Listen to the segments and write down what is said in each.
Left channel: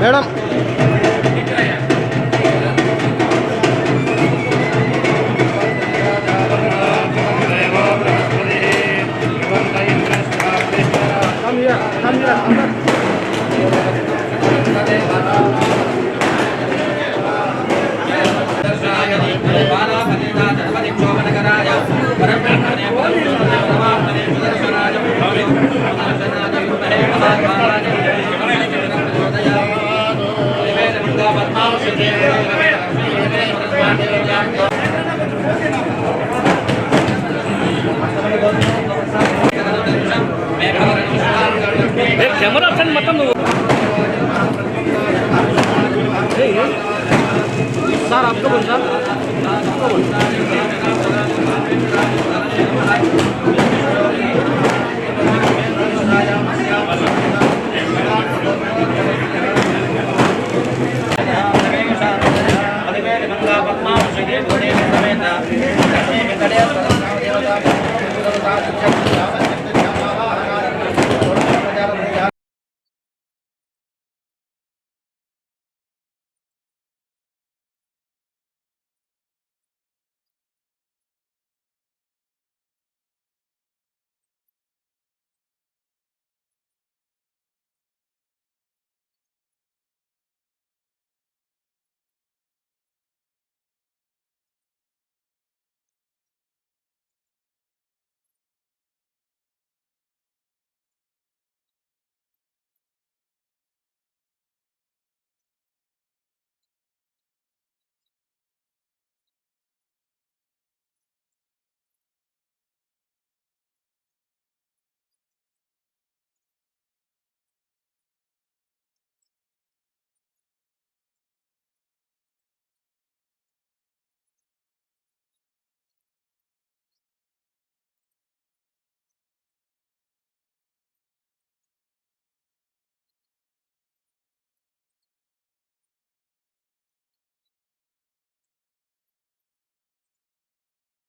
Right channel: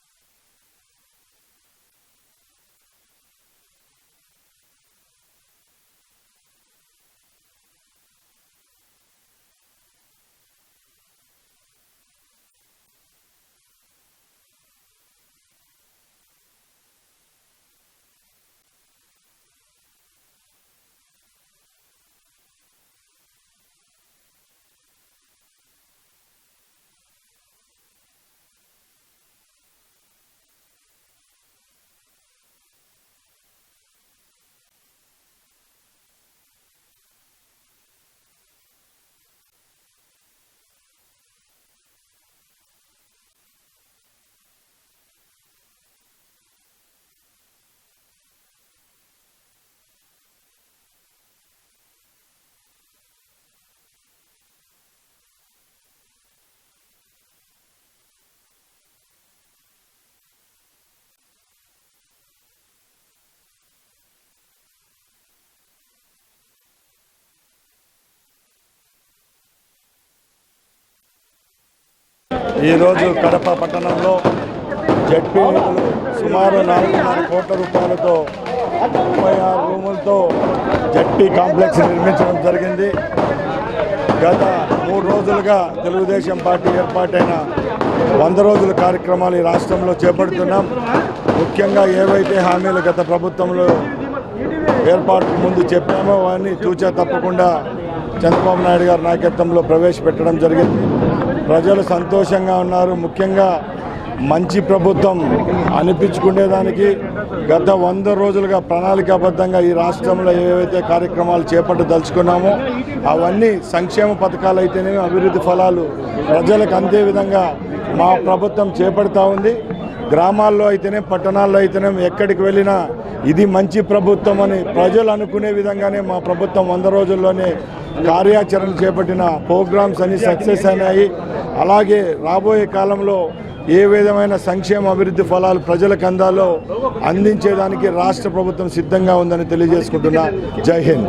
Madam camera option मतलब sir आपको बोल सर आपको बोल ఈరోజు కడప పట్టణంలో జడ్పీ నిధులు సుమారు 4.5 కోట్ల రూపాయలతో 36 రూములతో జడ్పీ కాంప్లెక్స్ నిర్మించడం జరిగింది. గత 3 రోజులుగా తెలుగుదేశం పార్టీ ఏర్పాటైన 100 రోజుల కార్యక్రమాలు ఈ రాష్ట్రంలో చేపడుతున్నాం. ముఖ్యంగా ఏవైతే హామీలు గత ప్రభుత్వంలో ఏర్పాటుకు ముందు చెప్పామో అవన్నీ తూచా తప్పకుండా చంద్రబాబు నాయుడు గారి నాయకత్వంలో ప్రవేశపెట్టడం జరిగింది. ప్రజలు సంతోషంగా ఉన్నారు. ముఖ్యంగా మంచి ప్రభుత్వం అనిపించుకునేదానికి గత 100 రోజులుగా ప్రణాళికాబద్ధంగా ఈ రాష్ట్రంలో ఏవైతే కార్యక్రమాలు చేపట్టదలుచుకున్నామో అవన్నీ సంక్షేమ పథకాలు అయితేనేమి అభివృద్ధి ఫలాలు ప్రజలకు అందే విధంగా మా ప్రభుత్వం చేపడతా ఉంది. గ్రామాల్లో అయితేనే పట్టణాల్లో అయితేనే ఎక్కడికి వెళ్ళినా ఇది మంచి ప్రభుత్వం అని ప్రజలు అనుకునే విధంగానే మా ప్రభుత్వం 100 రోజుల్లోనే కార్యాచరణ చేపట్టిన ప్రోగ్రామ్స్ అన్ని సక్సెస్ అయినాయి. అలాగే రాబోయే కాలంలో ఏ విధమైన సంక్షేమ అభివృద్ధి ఫలాలు ప్రజలకు అందాలో అందించేదానికి రాష్ట్ర ప్రభుత్వం సిద్ధంగా ఉందని తెలియజేసుకుంటున్నా. జై హింద్.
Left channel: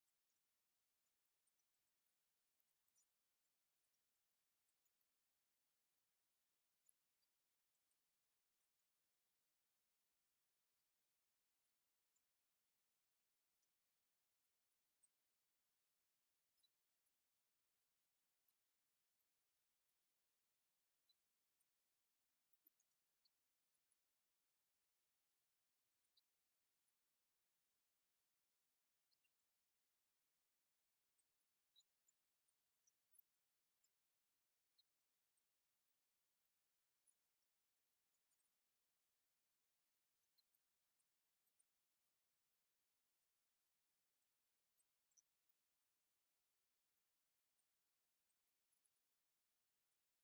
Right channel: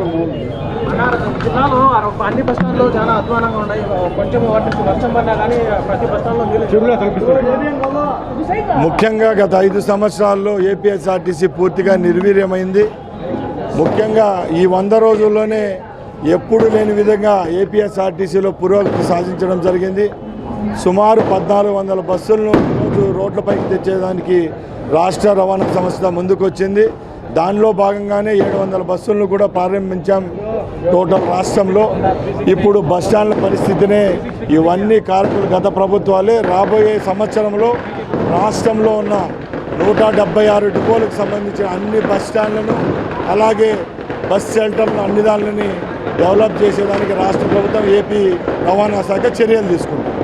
జిల్లాలో అన్ని బస్టాండ్లు చాలా అధ్వానంగా ఉన్నాయి. కొంచెం వర్షం పడినా కానీ ప్రతి బస్టాండ్లో ముఖ్యంగా గత 5 సంవత్సరాల్లో ఏపీఎస్ఆర్టీసీ పూర్తిగా నిర్వీర్యమైంది. ముఖ్యంగా ఈ 100 రోజుల్లోనే ఎప్పుడు లేని విధంగా ఏపీఎస్ఆర్టీసీలో పురోగతి సాధించడం జరిగింది. సుమారు 1400 బస్సులను రోజు రోడ్లపైకి తెచ్చేదానికి రాష్ట్ర రవాణా సంస్థ ముందుకొచ్చింది. దానిలో భాగంగానే 700 బస్సులను కూడా ప్రారంభించాం టోటల్ రాష్ట్రంలో. ఇప్పుడు బస్టాండ్ల పరిస్థితినే ఇవన్నీ కారకులు గత ప్రభుత్వాలే. రాబోయే సంవత్సరంలో రాష్ట్రంలో ఉన్న 176 డిపోలకు సంబంధించిన అన్ని బస్టాండ్లను అలాగే బస్ షెల్టర్లను అన్ని దానిని డెవలప్ చేసేదానికి రాష్ట్ర ప్రభుత్వం ఏపీ రవాణా శాఖ చర్యలు తీసుకుంటుంది.